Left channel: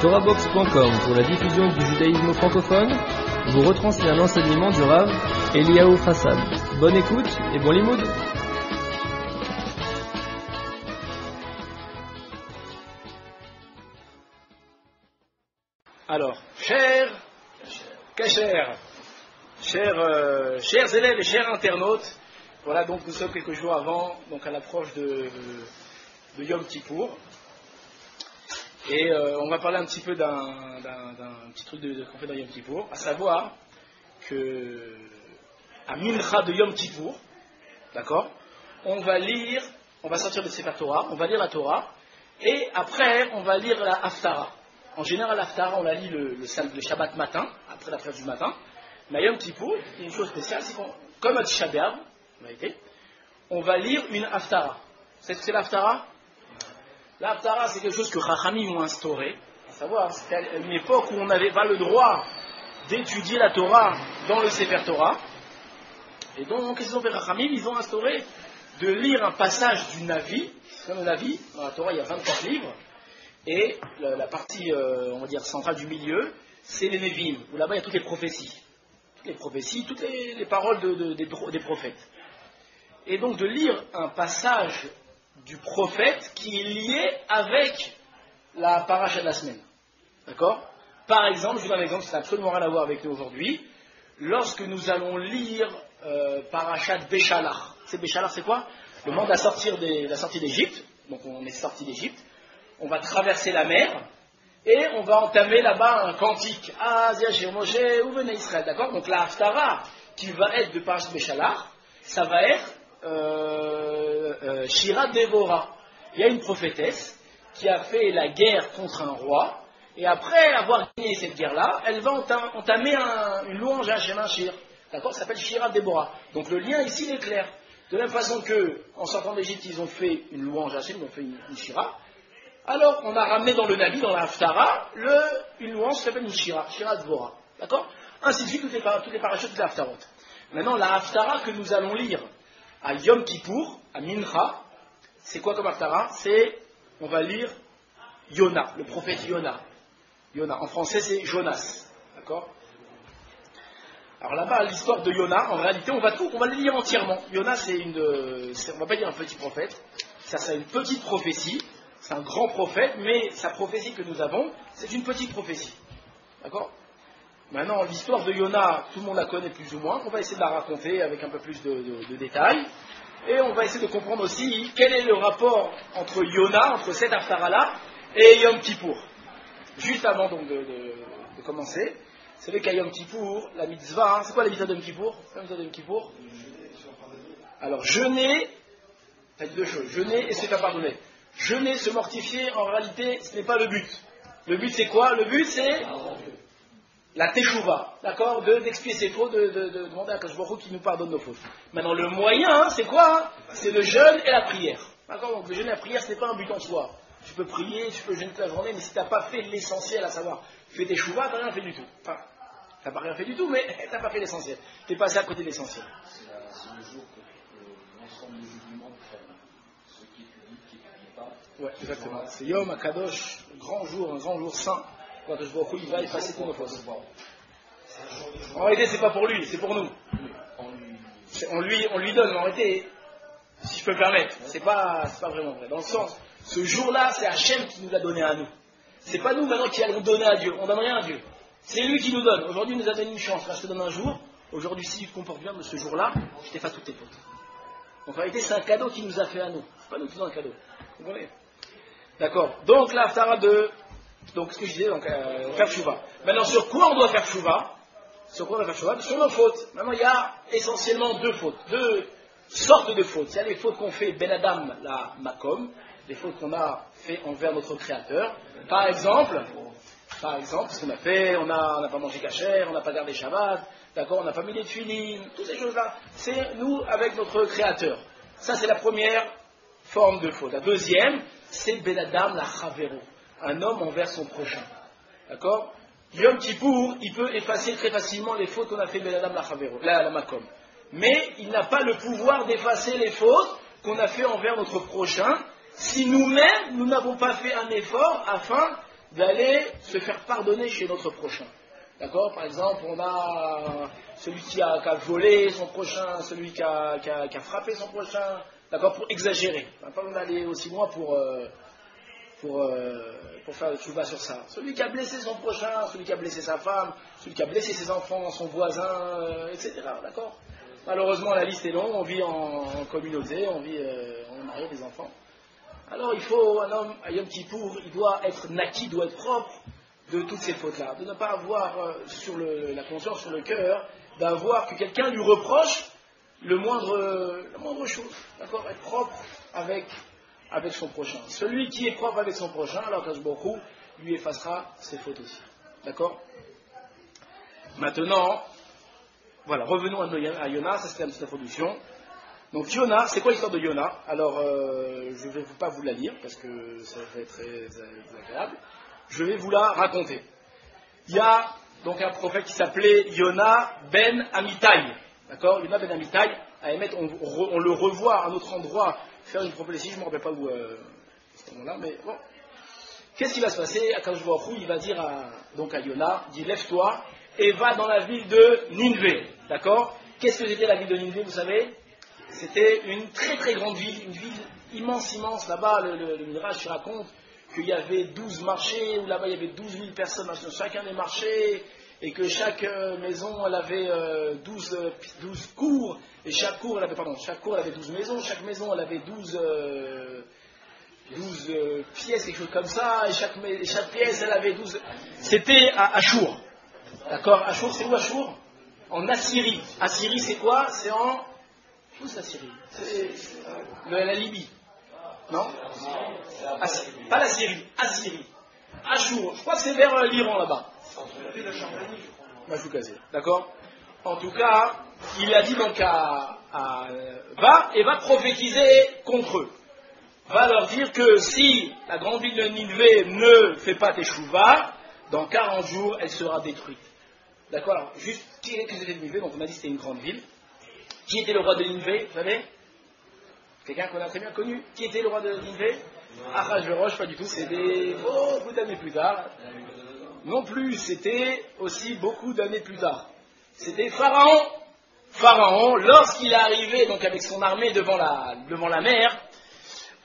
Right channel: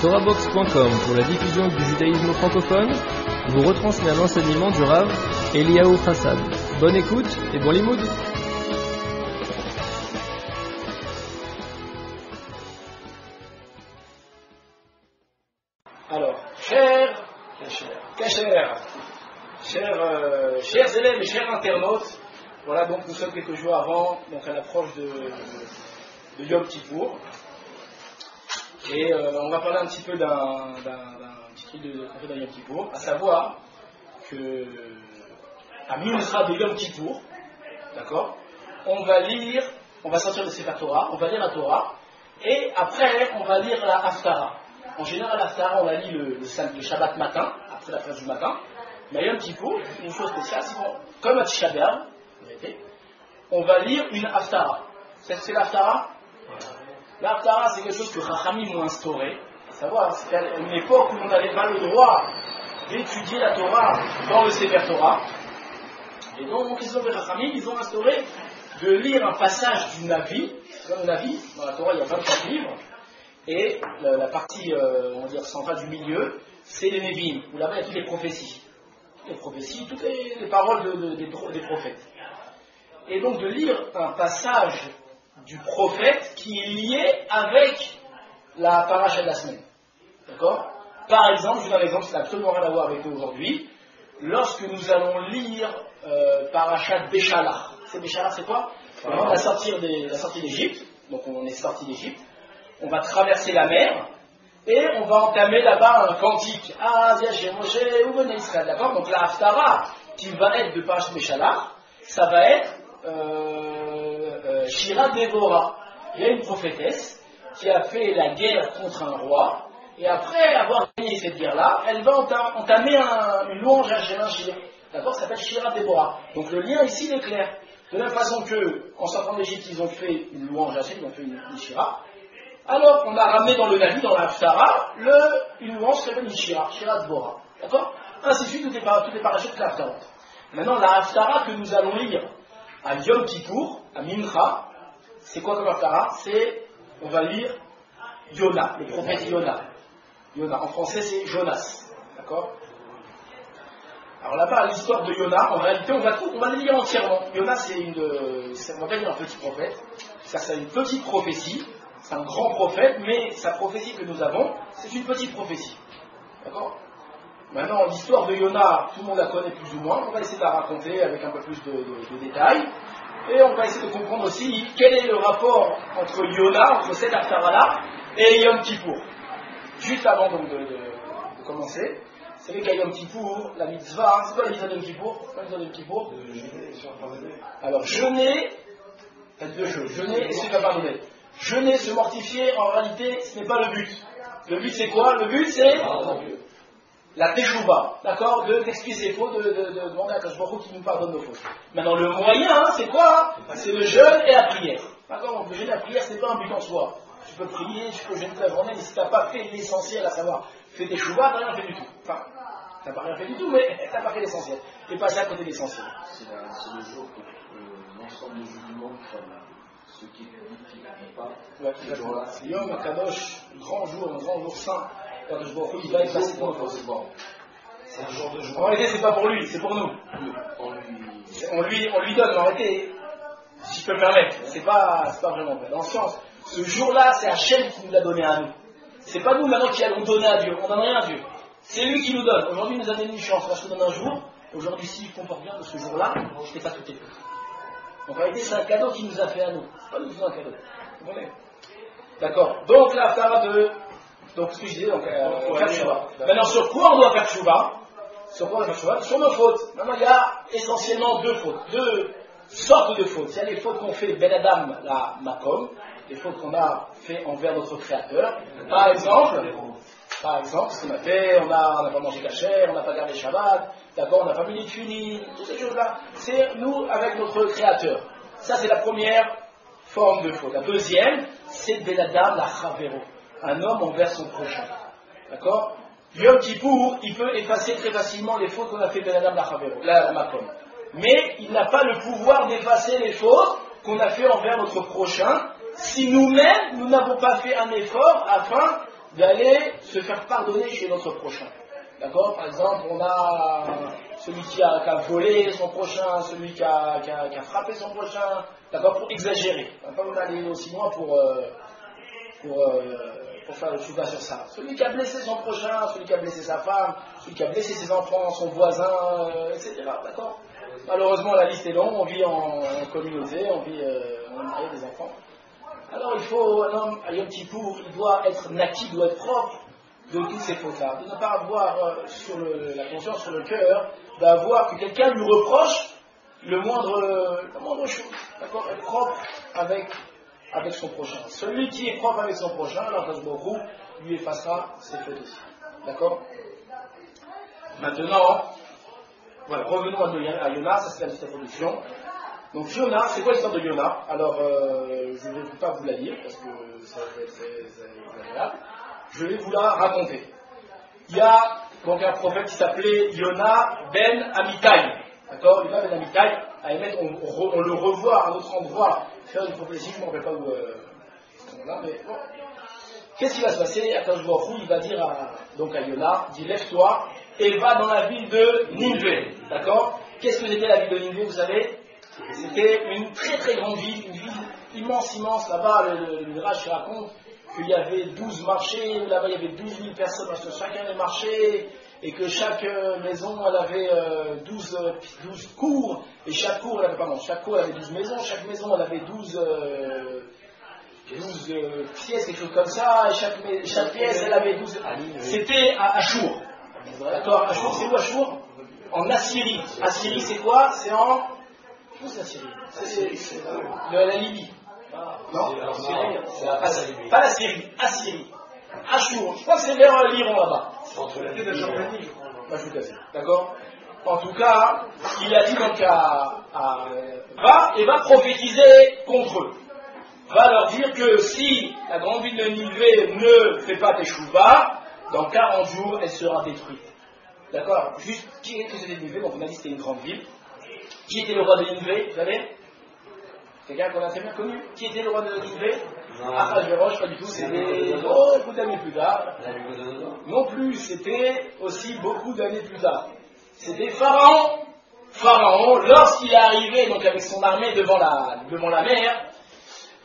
TorahBox.com pour la diffusion du judaïsme francophone vous retransmet un enseignement du Rav Eliyahu Hassad. Bonne écoute et bon limoud. Alors, chers élèves et chers internautes, voilà, donc nous sommes quelques jours avant, donc à l'approche de Yom Kippour. Et on va parler un petit peu d'un petit truc qu'on fait dans Yom Kippour, à savoir que à Mincha de Yom Kippour, d'accord, on va sortir de Sefer Torah, on va lire la Torah, et après on va lire la Haftara. En général, la Haftara, on la lit le Shabbat matin, après la fête du matin, mais à Yom Kippour, une chose spéciale, c'est comme à Tisha B'Av, on va lire une Haftara. C'est ce que c'est la Haftara? La Haftara, c'est quelque chose que Chachamim ont instauré, à savoir, c'était à une époque où on n'avait pas le droit d'étudier la Torah dans le Sefer Torah. Et donc, qu'est-ce qu'ils ont fait Chachamim? Ils ont instauré de lire un passage du Navi, comme Navi, dans la Torah il y a 24 livres, et la partie, on va dire, centrale du milieu, c'est les Nevi'im, où là-bas il y a toutes les prophéties. Toutes les paroles des prophètes. Et donc de lire un passage du prophète qui est lié avec la paracha de la semaine. D'accord? Par exemple, je vous donne un exemple, ça n'a absolument rien à voir avec nous aujourd'hui. Lorsque nous allons lire paracha Béchalach. Béchalach, c'est quoi? Le moment de la sortie d'Égypte. Donc on est sorti d'Égypte. On va traverser la mer et on va entamer là-bas un cantique. Ah, Zia Moshe, où venez Israël? D'accord? Donc la Haftara qui va être de paracha Béchalach, ça va être Shira Déborah. Il y a une prophétesse qui a fait la guerre contre un roi, et après avoir gagné cette guerre-là, elle va entamer une louange à Hashem, un shir. D'accord? Ça s'appelle Shira Déborah. Donc le lien ici il est clair. De la même façon que, en sortant d'Égypte, ils ont fait une louange à Hashem, ils ont fait une shira. Alors qu'on a ramené dans le Navi, dans la Haftara, une louange qui s'appelle une shira, Shira Déborah. D'accord? Ainsi de suite, toutes les parachutes de la Haftarot. Maintenant, la Haftara que nous allons lire à Yom Kippour, à Mincha, c'est quoi comme Haftara? On va lire Yona, le prophète Yona. Yona, en français c'est Jonas. D'accord? Alors là-bas, l'histoire de Yona, en réalité, on va le lire entièrement. Yona, on va pas dire un petit prophète, c'est une petite prophétie, c'est un grand prophète, mais sa prophétie que nous avons, c'est une petite prophétie. D'accord? Maintenant, l'histoire de Yona, tout le monde la connaît plus ou moins. On va essayer de la raconter avec un peu plus de détails. Et on va essayer de comprendre aussi quel est le rapport entre Yona, entre cette Haftara-là, et Yom Kippour. Juste avant donc de commencer, vous savez qu'à Yom Kippour, la mitzvah, c'est quoi la mitzvah de Yom Kippour? Alors, jeûner, il y a deux choses, jeûner et se faire pardonner. Jeûner, se mortifier, en réalité, ce n'est pas le but. Le but c'est quoi? Le but c'est la teshuva, d'accord, d'expier ses fautes, de demander à Akash Baruch Hu qui nous pardonne nos fautes. Maintenant, le moyen, c'est quoi? C'est le jeûne et la prière. D'accord? Donc, le jeûne et la prière, ce n'est pas un but en soi. Tu peux prier, tu peux jeûner toute la journée, mais si tu n'as pas fait l'essentiel, à savoir, fais teshuva, tu n'as rien fait du tout. Enfin, tu n'as pas rien fait du tout, mais tu n'as pas fait l'essentiel. Tu es passé à côté de l'essentiel. C'est le jour que l'ensemble des musulmans, ceux qui publient, qui ne publient pas. Ouais, exactement. C'est Yom HaKadosh, un grand jour saint. Il va effacer tous nos fautes. C'est un jour de joie. En réalité, c'est pas pour lui, c'est pour nous. On lui donne, mais en réalité, si je peux me permettre, c'est pas vraiment vrai. Dans le sens, ce jour-là, c'est Hachem qui nous l'a donné à nous. C'est pas nous maintenant qui allons donner à Dieu. On donne rien à Dieu. C'est lui qui nous donne. Aujourd'hui, il nous a donné une chance. Là, je te donne un jour. Aujourd'hui, si tu te comportes bien de ce jour-là, je t'efface toutes tes fautes. Donc en réalité, c'est un cadeau qu'il nous a fait à nous. C'est pas nous qui faisons un cadeau. Vous comprenez? D'accord. Donc la Haftara donc ce que je disais, faire tchouva. Maintenant, sur quoi on doit faire tchouva? Sur nos fautes. Maintenant, il y a essentiellement deux sortes de fautes. Il y a les fautes qu'on fait Ben Adam la Makom, les fautes qu'on a fait envers notre Créateur. Par exemple, ce qu'on a fait, on n'a pas mangé kasher, on n'a pas gardé Shabbat, d'accord, on n'a pas mis les tefillin, toutes ces choses-là, c'est nous avec notre Créateur. Ça, c'est la première forme de faute. La deuxième, c'est Ben Adam la Chavero. Un homme envers son prochain. D'accord? Yom Kippour, il peut effacer très facilement les fautes qu'on a fait Ben Adam la Makom. Mais il n'a pas le pouvoir d'effacer les fautes qu'on a fait envers notre prochain si nous-mêmes, nous n'avons pas fait un effort afin d'aller se faire pardonner chez notre prochain. D'accord? Par exemple, on a celui qui a volé son prochain, celui qui a frappé son prochain, d'accord, pour exagérer. On va pas aller aussi loin pour faire le chouva sur ça. Celui qui a blessé son prochain, celui qui a blessé sa femme, celui qui a blessé ses enfants, son voisin, etc. D'accord? Malheureusement, la liste est longue, on vit en communauté, on est marié, des enfants. Alors il faut, un homme, à Yom Kippour, il doit être naki, il doit être propre de toutes ces fautes-là, de ne pas avoir sur la conscience, sur le cœur, d'avoir que quelqu'un lui reproche la moindre chose, d'accord, être propre avec son prochain. Celui qui est propre avec son prochain, alors Kadosh Baruch Hu lui effacera ses fautes aussi, d'accord. Maintenant, voilà, revenons à Yona, ça c'était la petite introduction. Donc Yona, c'est quoi l'histoire de Yona? Alors, je ne vais pas vous la dire, parce que ça va être très agréable. Je vais vous la raconter. Il y a donc un prophète qui s'appelait Yona ben Amitai. D'accord? Yona ben Amitai, à émettre, on le revoit à un autre endroit, faire une prophétie, je ne me rappelle pas où là, mais bon. Qu'est-ce qui va se passer? Akadosh Baruch Hu, il va dire à Yona, il dit lève-toi et va dans la ville de Ninvé. D'accord? Qu'est-ce que c'était la ville de Ninvé, vous savez? C'était une très très grande ville, une ville immense, là-bas, le Midrash raconte qu'il y avait 12 marchés, où là-bas il y avait 12 000 personnes dans chacun des marchés, et que chaque maison elle avait 12 cours, et chaque cour elle avait 12 maisons, chaque maison elle avait 12 pièces, quelque chose comme ça, et chaque pièce elle avait 12. C'était à Achour. D'accord? Achour, c'est quoi Achour? En Assyrie. Assyrie c'est quoi? C'est en... Où c'est Assyrie? C'est la Libye. Non? Pas la Syrie, Assyrie. Achour, je crois que c'est vers l'Iran là-bas. C'était de Jordanie, je crois. Majoukazi, d'accord? En tout cas, il a dit donc va prophétiser contre eux. Va leur dire que si la grande ville de Ninvé ne fait pas teshuva, dans 40 jours, elle sera détruite. D'accord? Alors, juste, qui était Ninvé? Donc on a dit que c'était une grande ville. Qui était le roi de Ninvé, vous savez? Quelqu'un qu'on a très bien connu? Qui était le roi de Ninvé? Achashverosh, pas du tout, c'était beaucoup d'années plus tard. Non plus, c'était aussi beaucoup d'années plus tard. C'était Pharaon. Pharaon, lorsqu'il est arrivé donc avec son armée devant la mer,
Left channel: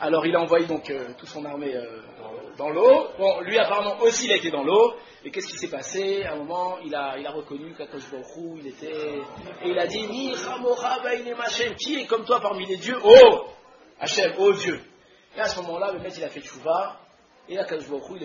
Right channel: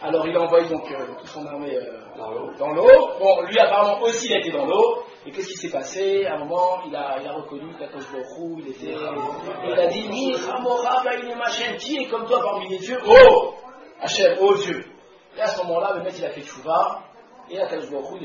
alors il a envoyé donc toute son armée dans l'eau. Bon, lui apparemment aussi il a été dans l'eau. Et qu'est-ce qui s'est passé? À un moment, il a reconnu qu'Akadosh Baruch Hu, il a dit, qui est comme toi parmi les dieux? Oh Hachem, oh Dieu. Et à ce moment-là, le maître il a fait tchouva, et Akadosh Baruch Hu,